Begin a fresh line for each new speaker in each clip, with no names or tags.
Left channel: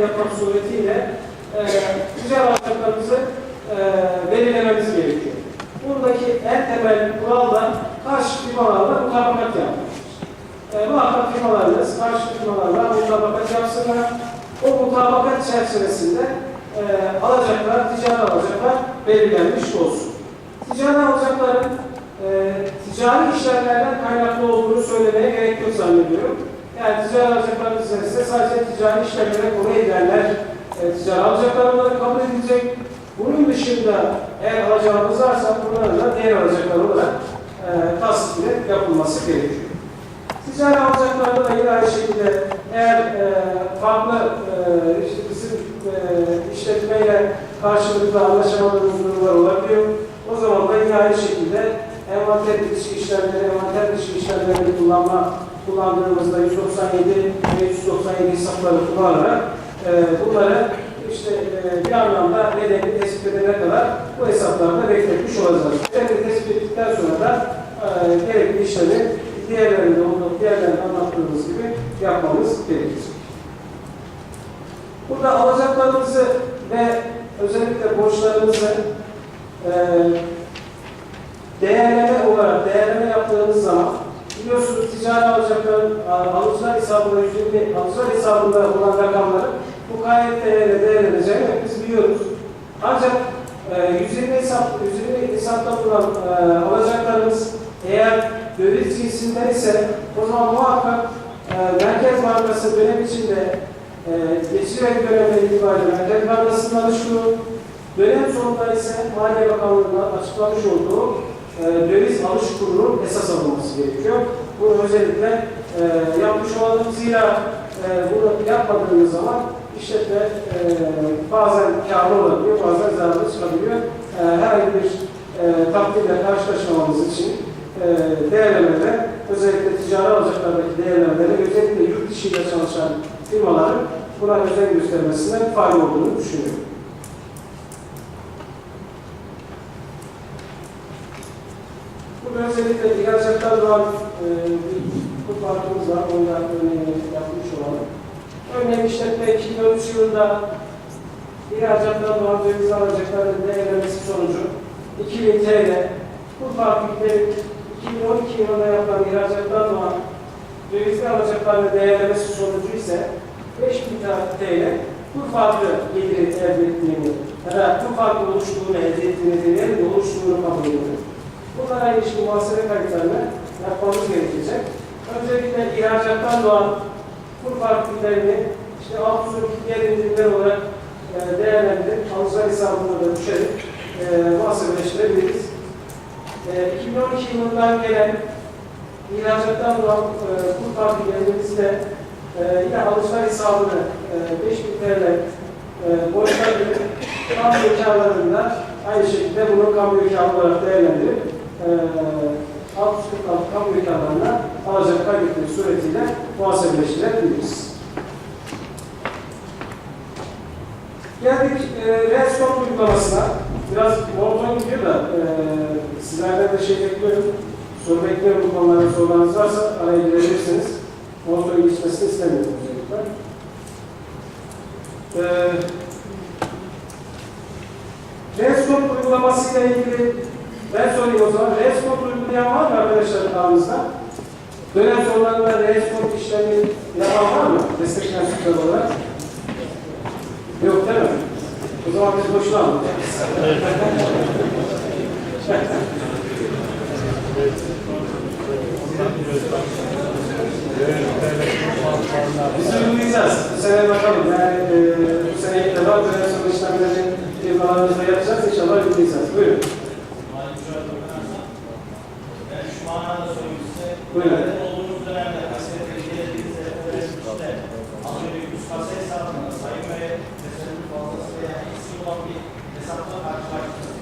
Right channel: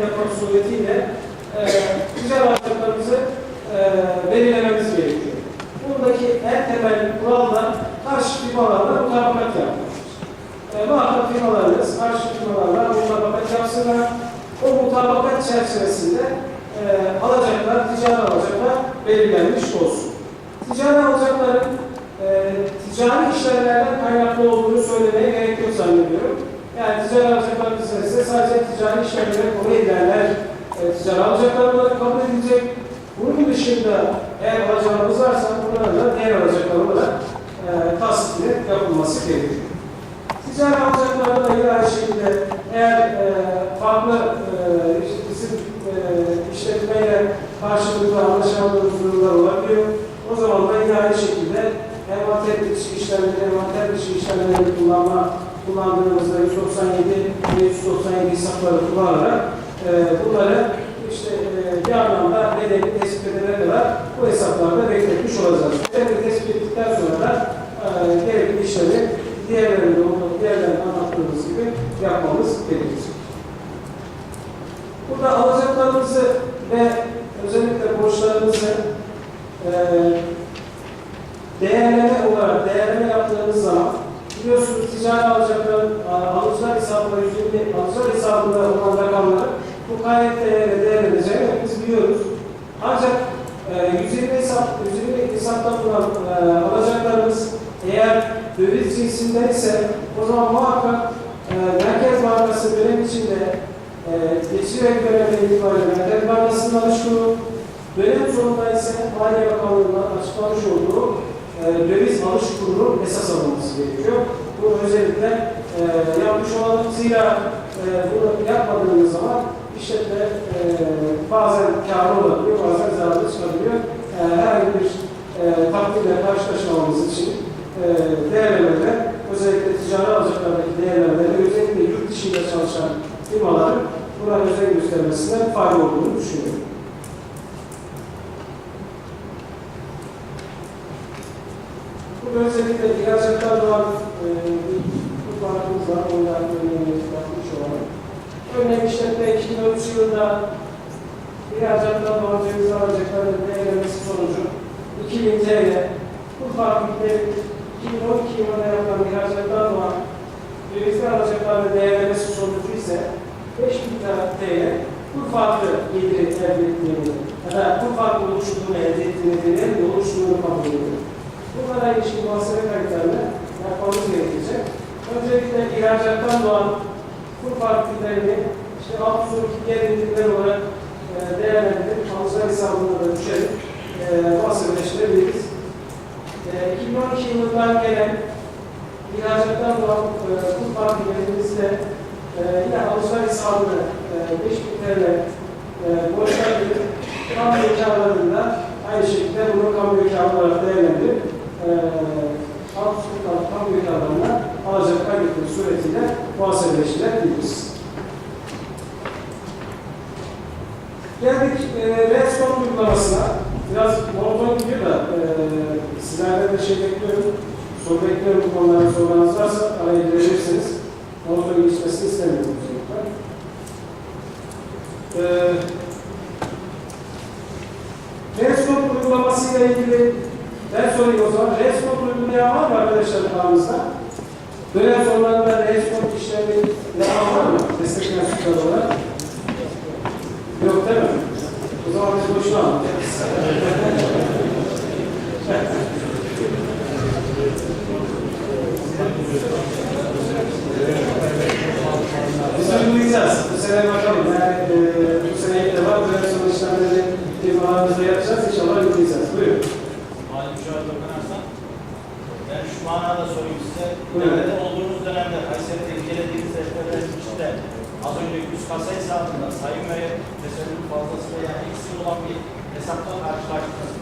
yapmak suretiyle e, ticari alacaklarımızı e, belirlememiz gerekiyor. Buradaki en temel kural da karşı firmalarla mutabakat yapmak. E, muhakkak firmalarımız karşı firmalarla mutabakat yapsınlar. O mutabakat çerçevesinde e, alacaklar, ticari alacaklar belirlenmiş olsun. Ticari alacakların e, ticari işlemlerden kaynaklı olduğunu söylemeye gerek yok zannediyorum. Yani ticari alacaklar ise sadece ticari işlemlere konu edilenler e, ticari alacaklar olarak kabul edilecek. Bunun dışında eğer alacağımız varsa bunların da diğer alacaklar olarak e, tasdikli yapılması gerekiyor. Ticari alacaklarda da yine aynı şekilde eğer e, farklı e, bizim e, işletmeyle karşılıklı anlaşamadığımız durumlar olabiliyor. O zaman da yine aynı şekilde envanter dışı işlemleri, envanter dışı işlemlerini kullanma, kullandığımızda 197 ve 197 hesapları kullanarak e, bunları işte e, bir anlamda nedeni tespit edene kadar bu hesaplarda bekletmiş olacağız. Nedeni tespit ettikten sonra da e, gerekli işlemi diğerlerinde olduğu diğerlerinde anlattığımız gibi yapmamız gerekecek. Burada alacaklarımızı ve özellikle borçlarımızı e, değerleme olarak değerleme yaptığımız zaman biliyorsunuz ticari alacakların a- alıcılar hesabında 120 alıcılar hesabında olan rakamları bu KYT'ye değerleneceğini biz biliyoruz. Ancak e, 120 hesap 120 hesapta bulunan e, alacaklarımız eğer döviz cinsinden ise o zaman muhakkak e, Merkez Bankası dönem içinde e, geçici ve dönemde itibariyle Merkez Bankası'nın alış kuru, dönem sonunda ise Maliye Bakanlığı'nın açıklamış olduğu e, döviz alış kurunun esas alınması gerekiyor. Bunu özellikle e, yapmış olalım. Zira e, bunu yapmadığımız zaman işletme e, bazen kârlı olabiliyor, bazen zararlı çıkabiliyor. E, herhangi bir e, takdirle karşılaşmamamız için e, değerlemeler, özellikle ticari alacaklardaki değerlemeleri, özellikle yurt dışıyla çalışan firmaların buna özen göstermesinde fayda olduğunu düşünüyorum. Burada özellikle ihracatlar doğan e, bir kurbanımız var. Ondan örneğini. Örneğin işletme 2013 yılında ihracatlar doğan ceviz alacakların değerlemesi sonucu 2000 TL. Bu fabriklerin 2012 yılında yapılan ihracatlar doğan cevizli alacakların değerlemesi sonucu ise 5000 TL kur farkı geliri elde ettiğini ya da kur farkı oluşturduğunu elde ettiğini deneyelim, oluşturduğunu kabul ediyor. Bunlara ilişkin muhasebe kayıtlarını yapmamız gerekecek. Öncelikle ihracattan doğan kur farklarını işte usulü diğer olarak e, değerlendirip alıcılar hesabına da düşerek e, muhasebeleştirebiliriz. E, 2012 yılından gelen ihracattan doğan e, farklarımızı da e, yine alıcılar hesabına e, 5000 TL e, borçlandık. Kamu karlarında aynı şekilde bunu kamu karı olarak değerlendirip e, alt üstü kamu karlarına alacak kaydetmek suretiyle muhasebeleştirebiliriz. Geldik e, Redstone uygulamasına. Biraz monoton gidiyor da e, sizlerden de şey bekliyorum. Soru bekliyorum bu konularda sorularınız varsa araya girebilirsiniz. Monoton geçmesini istemiyorum özellikle. E, Redstone uygulamasıyla ilgili ben sorayım o zaman. Redstone uygulayan var mı arkadaşlar aramızda? Dönem sonlarında Redstone işlemi yapan var mı? Destekleyen süper olarak. Yok değil mi? O zaman biz boşuna anlayacağız. Biz uygulayacağız. Bu sene bakalım. Yani e, bu sene ilk defa dönem sonu işlemleri firmalarımızda yapacağız. İnşallah uygulayacağız. Buyurun.
Malum şöyle dokunarsan, ben şu manada sorayım size.
Buyurun.
Nerede olduğunuz dönemde Kayseri'de incelediğiniz işte az önceki üst kasa hesabında sayım ve teselli fazlası veya eksik olan bir hesapla karşılaştınız.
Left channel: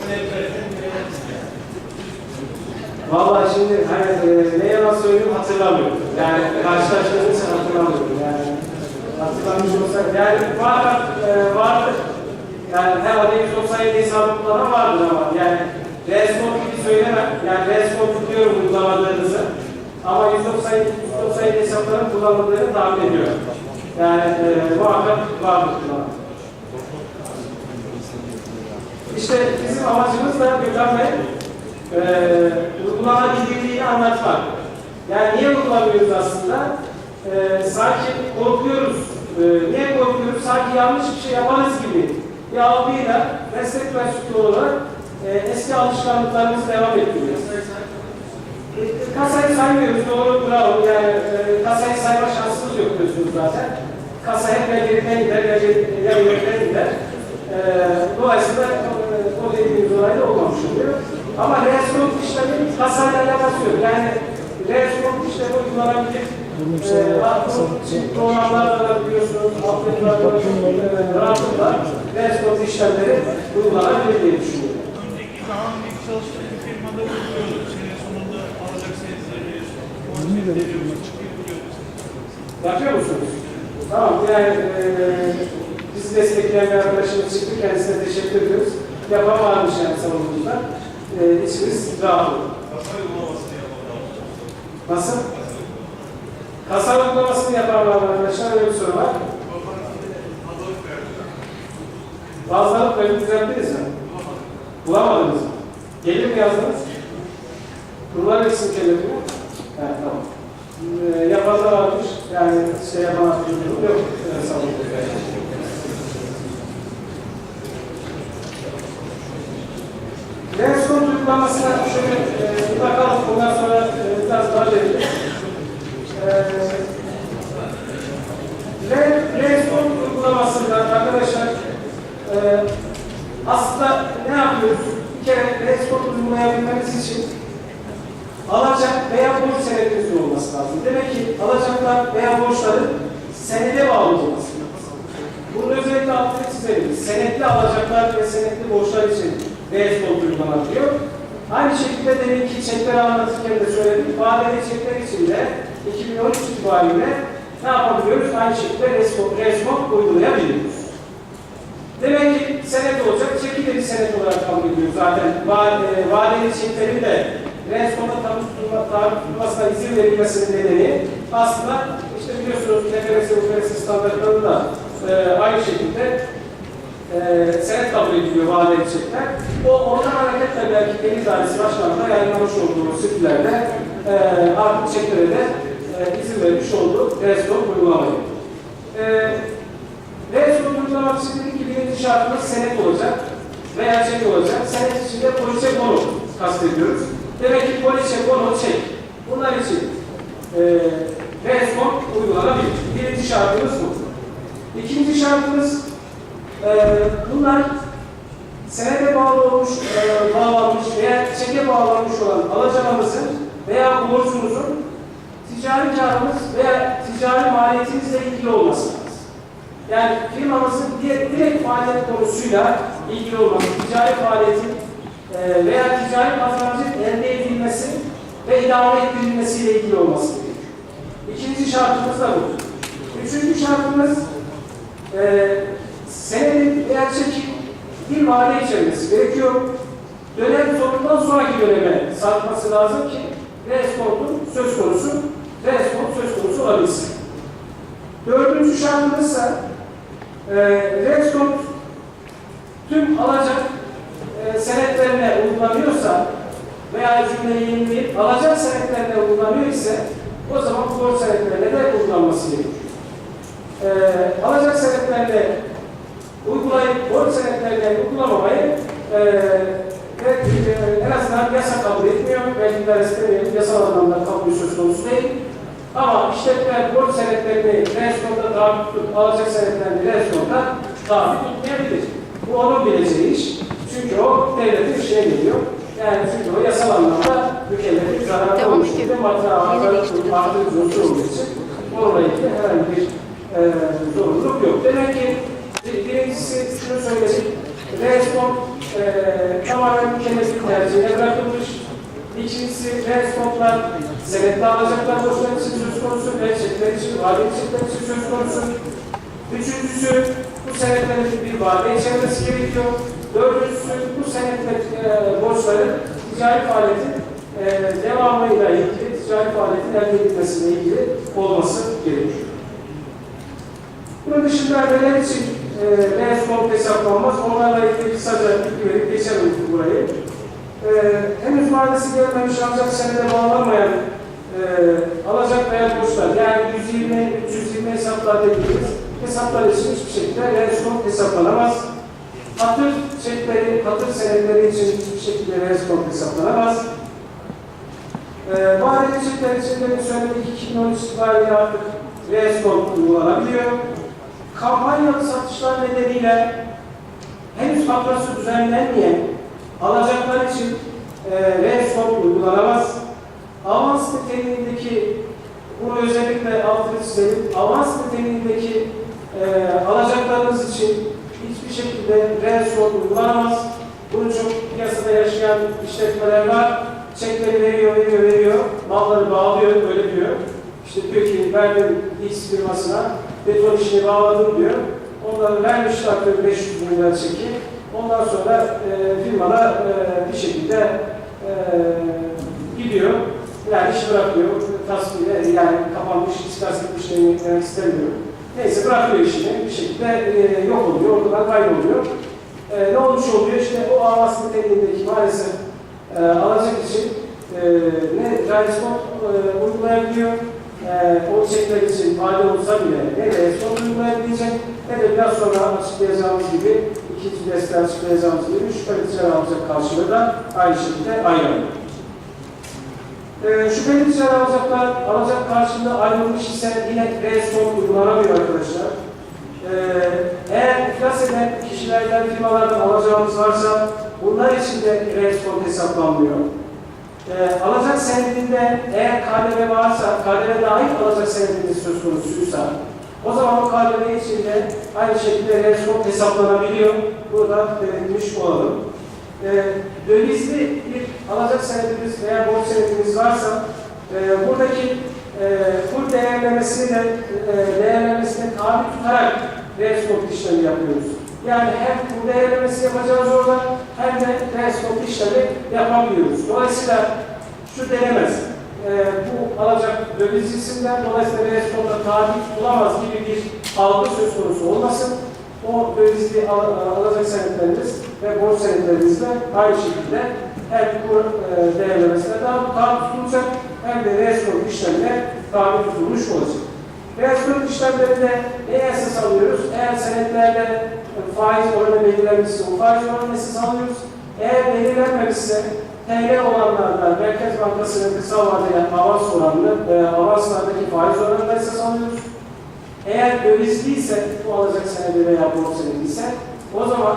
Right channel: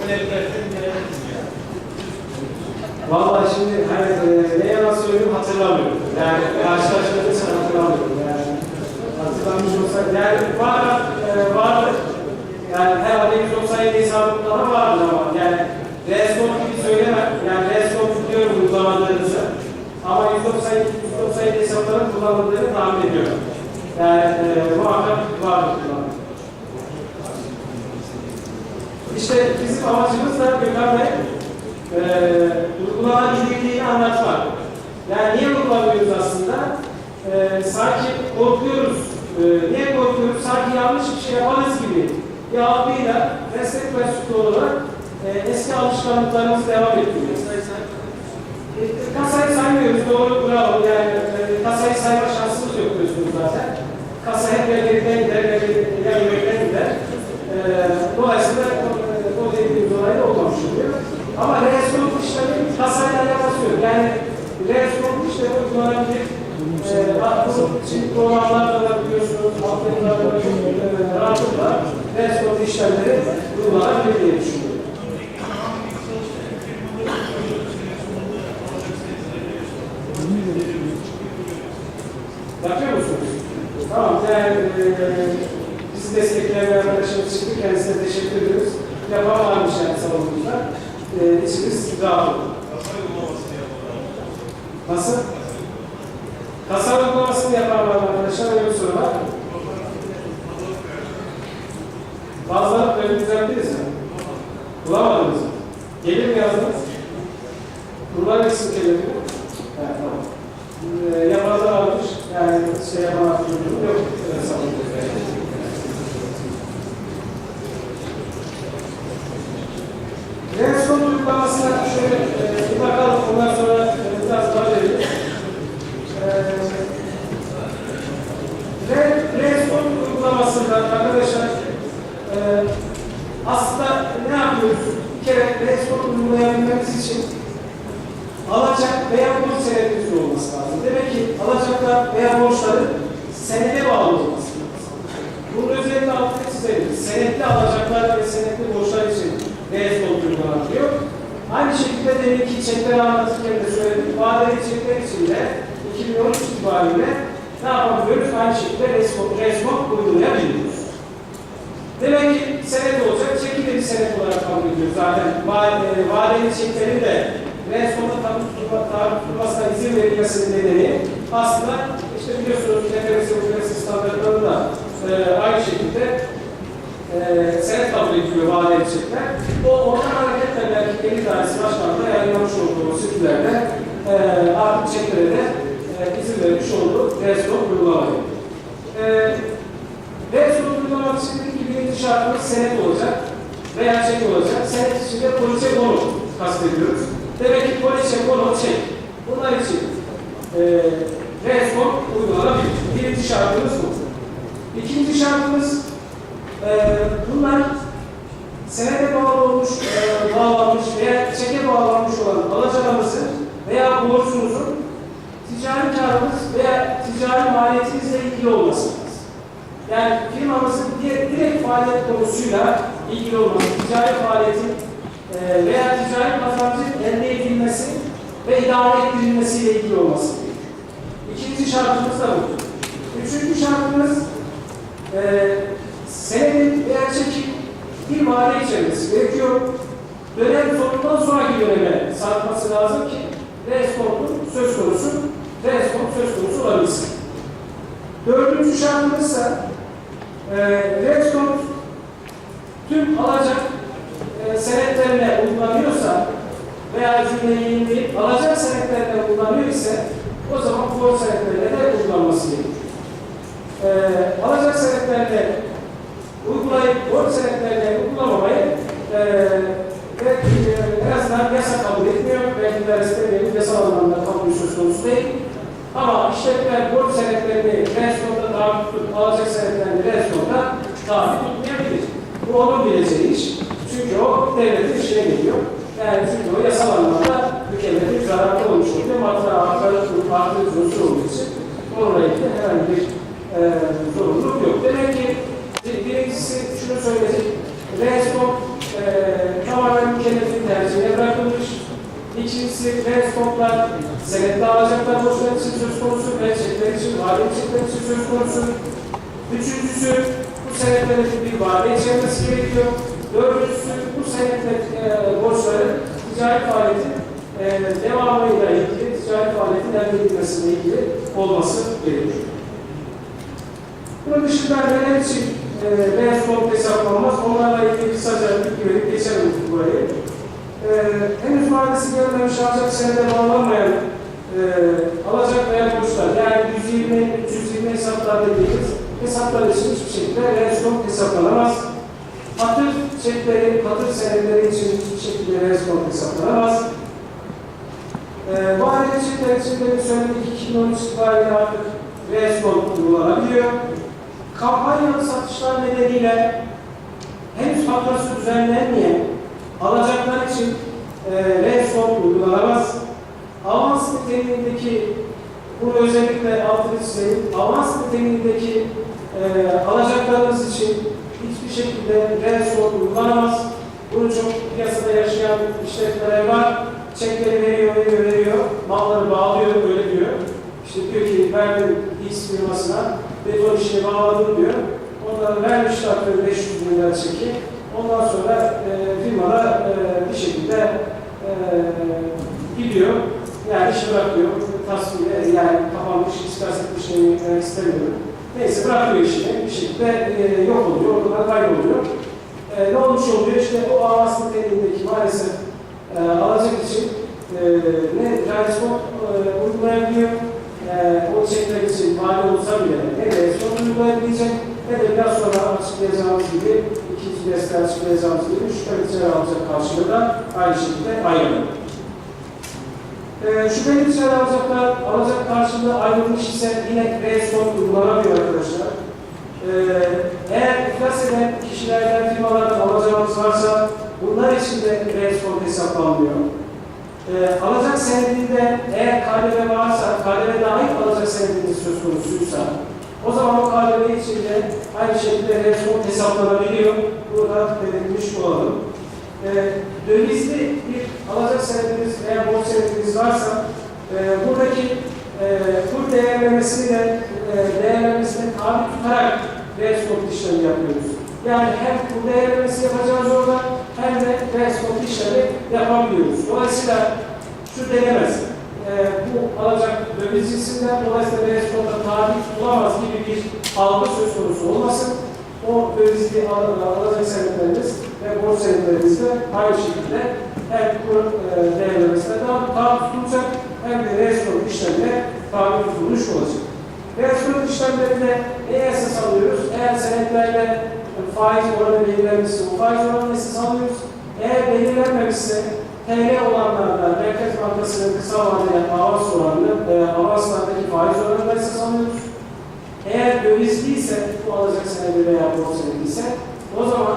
Öyle bir defter incelediniz mi yani?
Vallahi şimdi hani e, ne yalan söyleyeyim hatırlamıyorum. Yani karşılaştığım için hatırlamıyorum. Yani hatırlamış olsak yani var e, vardı. Yani herhalde 197 hesabı kullanan vardır ama yani Resmont gibi söylemem. Yani Resmont biliyorum uygulamadığınızı. Ama 197, 197 hesapların kullanıldığını tahmin ediyorum. Yani e, muhakkak vardır kullanmak. İşte bizim amacımız da Gökhan Bey, e, uygulanabilirliğini anlatmak. Yani niye uygulamıyoruz aslında? E, sanki korkuyoruz. E, niye korkuyoruz? Sanki yanlış bir şey yaparız gibi bir algıyla meslek mensubu olarak e, eski alışkanlıklarımızı devam ettiriyoruz. E, kasayı saymıyoruz, doğru bravo. Yani e, kasayı sayma şansımız yok diyorsunuz zaten. Kasa hep geriden gider ya geri- ya ileriden gider. E, dolayısıyla e, o dediğimiz olay da olmamış oluyor. Ama reaksiyon işlemi kasayla alakası yok. Yani reaksiyon işlemi uygulanabilir. E, bu Çin programlarda da biliyorsunuz, Afrika'da da e, rahatlıkla reaksiyon işlemleri uygulanabilir diye düşünüyorum. Yapıyor musunuz? Tamam, yani e, bizi destekleyen bir arkadaşımız çıktı, kendisine teşekkür ediyoruz. Yapan varmış yani salonumuzda. E, içimiz rahat oldu. Nasıl? Kasa uygulamasını yapan var arkadaşlar, öyle bir soru var. Bazıları böyle düzelttiniz mi? Bulamadınız mı? Gelir mi yazdınız? Kurban isim kelime mi? Evet, tamam. Ee, yapanlar varmış, yani şey yapan arkadaşlarım yok. Evet, sağ olun. Reaksiyon uygulamasına şöyle e, bir bakalım, ondan sonra e, biraz daha veririz. Re, reaksiyon uygulamasında arkadaşlar e, aslında ne yapıyoruz? Bir kere reaksiyon uygulayabilmemiz için alacak veya borç senetimizin olması lazım. Demek ki alacaklar veya borçların senede bağlı olması lazım. Bunun özellikle altını çizelim. Senetli alacaklar ve senetli borçlar için reaksiyon uygulanabiliyor. Aynı şekilde demin ki çekleri anlatırken de söyledim. Vadeli çekler için de 2013 itibariyle ne yapabiliyoruz? Aynı şekilde respon, respon uygulayabiliyoruz. Demek ki senet olacak, çeki de bir senet olarak kabul ediyoruz. Zaten va- vadeli çeklerin de responda tabi tutulmasına izin verilmesinin nedeni aslında işte biliyorsunuz NFS uluslararası standartlarında da e, aynı şekilde e, senet kabul ediliyor vadeli çekler. O oradan hareketle belki Deniz Dairesi Başkanı'nda yayınlamış olduğu sürülerde e, artık çeklere de e, izin vermiş olduğu respon uygulamayı. E, Reaksiyon için dediğim gibi şartımız senet olacak veya çek olacak. Senet içinde poliçe konu kastediyoruz. Demek ki poliçe konu çek. Bunlar için e, reaksiyon uygulanabilir. Birinci şartımız bu. İkinci şartımız e, bunlar senede bağlı olmuş, e, bağlanmış veya çeke bağlanmış olan alacağımızın veya borcumuzun ticari karımız veya ticari maliyetimizle ilgili olması. Yani firmamızın direkt, faaliyet konusuyla ilgili olması, ticari faaliyetin e, veya ticari kazancın elde edilmesi ve idame ettirilmesiyle ilgili olması gerekiyor. İkinci şartımız da bu. Üçüncü şartımız e, senedin veya çekin bir vade içermesi gerekiyor. Dönem sonundan sonraki döneme sarkması lazım ki reskontun söz konusu, reskont söz konusu olabilsin. Dördüncü şartımız ise e, tüm alacak e, senetlerine uygulanıyorsa veya cümleyi yenileyip alacak senetlerine uygulanıyor ise o zaman borç senetlerine de uygulanması gerekiyor. E, alacak senetlerine uygulayıp borç senetlerine uygulamamayı e, ve e, en azından yasa kabul etmiyor. Belki de istemeyelim, yasal anlamda kabul söz konusu değil. Ama işletmeler borç senetlerini restoranda tabi tutup alacak senetlerini restoranda tabi tutmayabilir. Bu onun bileceği iş. Çünkü o devletin işine geliyor. Yani çünkü o yasal anlamda mükellefin zararı olmuş oluyor. Hatta artı unsur olduğu için onunla ilgili herhangi bir e, zorunluluk yok. Demek ki bir- birincisi şunu söyleyecek. Respon e, tamamen mükellefin tercihine bırakılmış. İkincisi respondlar senetli alacaklar borçlar için söz konusu ve için, vade çekler için söz konusu. Üçüncüsü bu senetlerin bir vade içermesi gerekiyor. Dördüncüsü bu senetle e, borçların ticari faaliyetin e, devamıyla ilgili, ticari faaliyetin elde edilmesiyle ilgili olması gerekiyor. Bunun dışında neler için e, reaksiyon hesaplanmaz? Onlarla ilgili kısaca bilgi verip geçelim burayı. E, henüz vadesi gelmemiş ancak senede bağlanmayan e, alacak veya borçlar yani 120, 320 hesaplar dediğimiz hesaplar için hiçbir şekilde reaksiyon hesaplanamaz. Hatır çekleri, hatır senetleri için hiçbir şekilde reaksiyon hesaplanamaz. E, aile çekler için de söyledik 2013 itibariyle artık reaksiyon uygulanabiliyor. Kampanyalı satışlar nedeniyle henüz faturası düzenlenmeyen alacaklar için e, reaksiyon uygulanamaz. Avans niteliğindeki, bunu özellikle altını çizeyim, avans niteliğindeki e, alacaklarınız için hiçbir şekilde reaksiyon uygulanamaz. Bunu çok piyasada yaşayan işletmeler var. Çekleri veriyor, veriyor, veriyor. Malları bağlıyor, öyle diyor. İşte diyor ki verdim X firmasına, beton işini bağladım diyor. Onları vermişler tabii 500 bin lira çeki. Ondan sonra e, firmada e, bir şekilde e, gidiyor. Yani iş bırakıyor. Tasfiye yani kapanmış, iskas etmiş demek istemiyorum. Neyse bırakıyor işini. Bir şekilde e, yok oluyor. Ortadan kayboluyor. E, ne olmuş oluyor? İşte o avans niteliğindeki maalesef e, alacak için e, ne reaksiyon e, uygulayabiliyor, e, o çekmek için mali olsa bile ne reaksiyon uygulayabilecek ne de biraz sonra açıklayacağımız gibi ikinci deste açıklayacağımız gibi şüpheli alacak karşılığı da aynı şekilde ayrılıyor. E, şüpheli ticari alacaklar alacak karşılığı ayrılmış ise yine reaksiyon uygulanamıyor arkadaşlar. E, eğer iflas eden kişilerden, firmalardan alacağımız varsa bunlar için de reaksiyon hesaplanmıyor. E, alacak senedinde eğer KDV varsa, KDV dahil alacak senediniz söz konusuysa, o zaman o KDV için de aynı şekilde reaksiyon hesaplanabiliyor. Burada belirtmiş olalım. E, dövizli bir alacak senediniz veya borç senediniz varsa, e, buradaki e, kur değerlemesini de e, değerlemesine tabi tutarak reaksiyon işlemi yapıyoruz. Yani hem kur değerlemesi yapacağız orada hem de reaksiyon işlemi yapamıyoruz. Dolayısıyla şu denemez. E, bu alacak döviz cinsinden dolayısıyla reaksiyonda tabi tutulamaz gibi bir algı söz konusu olmasın. O dövizli al- alacak senetlerimiz ve borç senetlerimiz de aynı şekilde hem kur e, değerlemesine daha tabi tutulacak hem de reaksiyon işlemine tabi tutulmuş olacak. Reaksiyon işlemlerinde neye esas alıyoruz? Eğer senetlerde faiz oranı belirlenmişse o faiz oranını esas alıyoruz. Eğer belirlenmemişse TL olanlarda Merkez Bankası'nın kısa vadeli avans oranını, e, avanslardaki faiz oranını esas alıyoruz. Eğer dövizliyse, bu alacak senedi veya borç senedi ise o zaman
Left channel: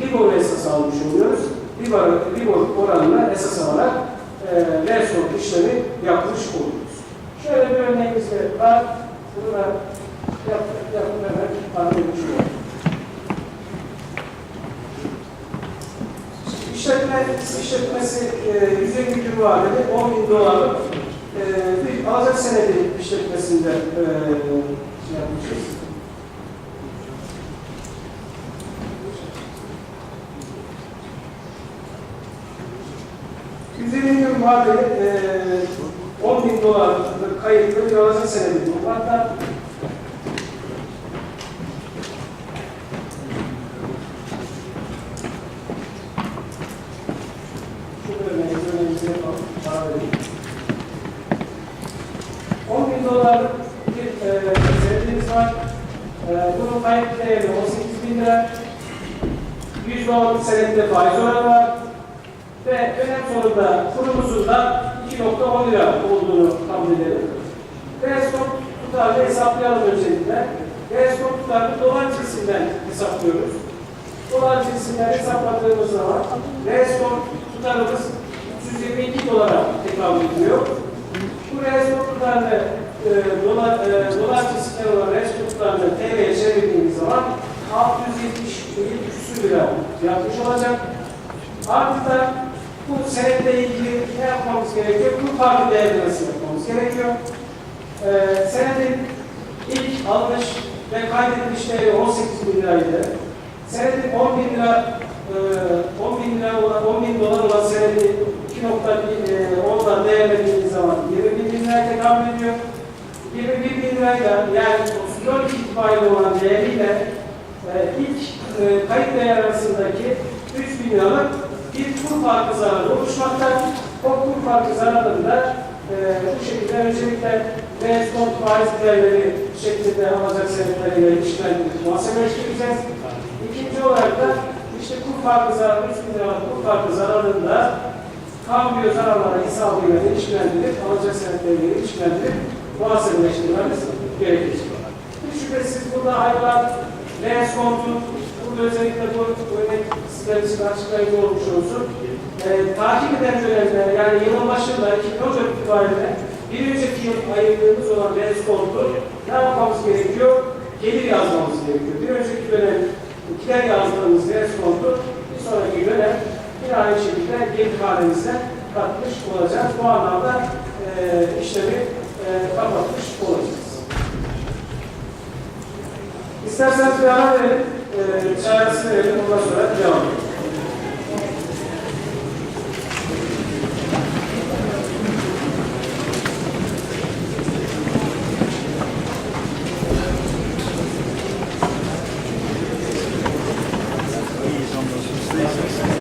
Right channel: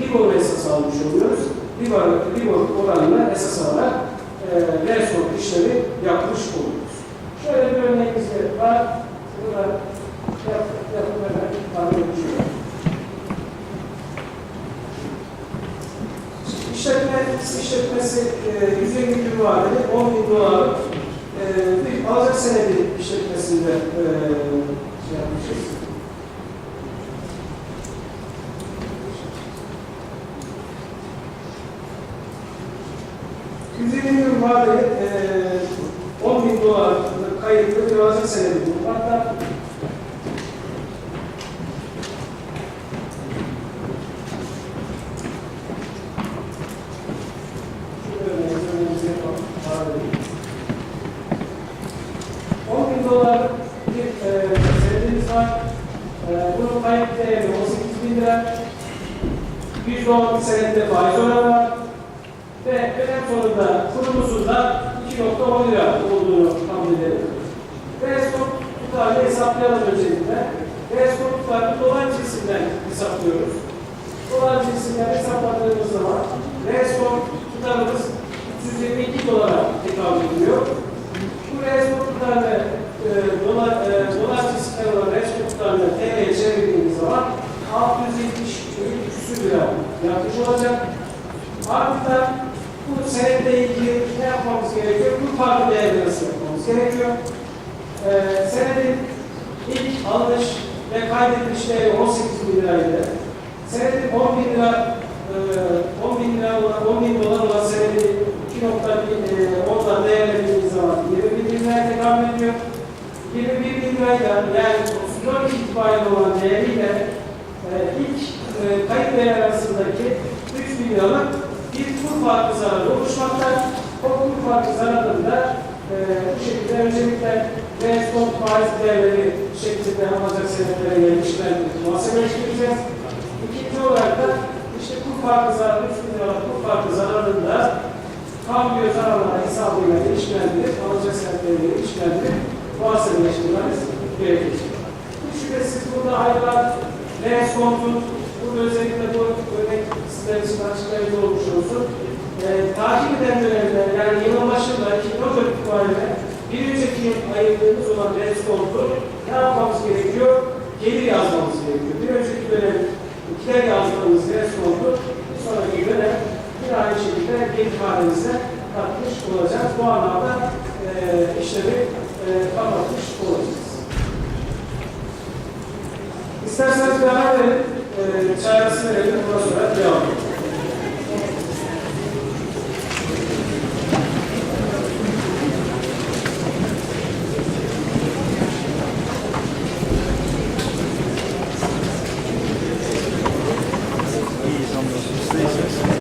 Libor'u esas almış oluyoruz. Libor, Libor oranını esas alarak e, reaksiyon işlemi yapmış oluyoruz. Şöyle bir örneğimiz de var. Bunu da yap, yapıp hemen bahsetmiş olalım. İşletme, işletmesi e, 150 gün vadeli 10 bin dolarlık e, bir alacak senedi işletmesinde e, şey yapmışız. %20 gün vadeli e, 10 bin dolarlık kayıtlı bir alacak senedi. Hatta şu örneği, örneğimizi yapalım. Vadeli. 10 bin dolarlık bir e, senedimiz var. E, bunun kayıt değeri 18 bin lira. 100 dolarlık senette faiz oranı var. Ve dönem sonunda kurumuzun da 2.10 lira olduğunu kabul edelim. Reskop tutarını hesaplayalım öncelikle. Reskop tutarını dolar cinsinden hesaplıyoruz. Dolar cinsinden hesapladığımız zaman Reskop tutarımız 322 dolara tekabül ediyor. Bu Reskop tutarını e, dolar, e, dolar cinsinden olan Reskop tutarını TL'ye çevirdiğimiz zaman 670 küsür lira yapmış olacak. Artı bu senetle ilgili ne yapmamız gerekiyor? Bu farklı değerlemesi yapmamız gerekiyor. Ee, senedin ilk alış ve kaydediliş değeri 18 bin liraydı. Senedin 10 bin lira e, 10 bin lira olan 10 bin dolar olan senedi 2.10'dan değerlendiğimiz zaman 20 bin liraya tekabül ediyor. 21 bin lirayla yani 34 itibariyle olan değer ilk e, kayıt değer arasındaki 3 bin liralık bir kur farkı zararı oluşmakta. O kur farkı zararında e, bu şekilde öncelikle respond faiz değerleri şeklinde alacak senetlere göre işlemleri muhasebeleştireceğiz. İkinci olarak da işte kur farkı zararı, 3 bin liralık kur farkı zararında kambiyo zararları hesabıyla ilişkilendirip alacak senetleriyle ilişkilendirip muhasebeleştirmemiz gerekecek. Hiç şüphesiz burada ayrılan reskontun, özellikle bu örnek sizler için açıklayıcı olmuş olsun. Ee, takip eden dönemde yani yılın başında 2014 itibariyle bir önceki yıl ayırdığımız olan reskontu ne yapmamız gerekiyor? Gelir yazmamız gerekiyor. Bir önceki dönem ikiler yazdığımız reskontu bir sonraki dönem bir aynı şekilde gelir hanemize katmış olacağız. Bu anlamda e, işlemi e, kapatmış olacağız. İsterseniz bir ara verin, e, çaresini verin, ondan sonra devam edelim.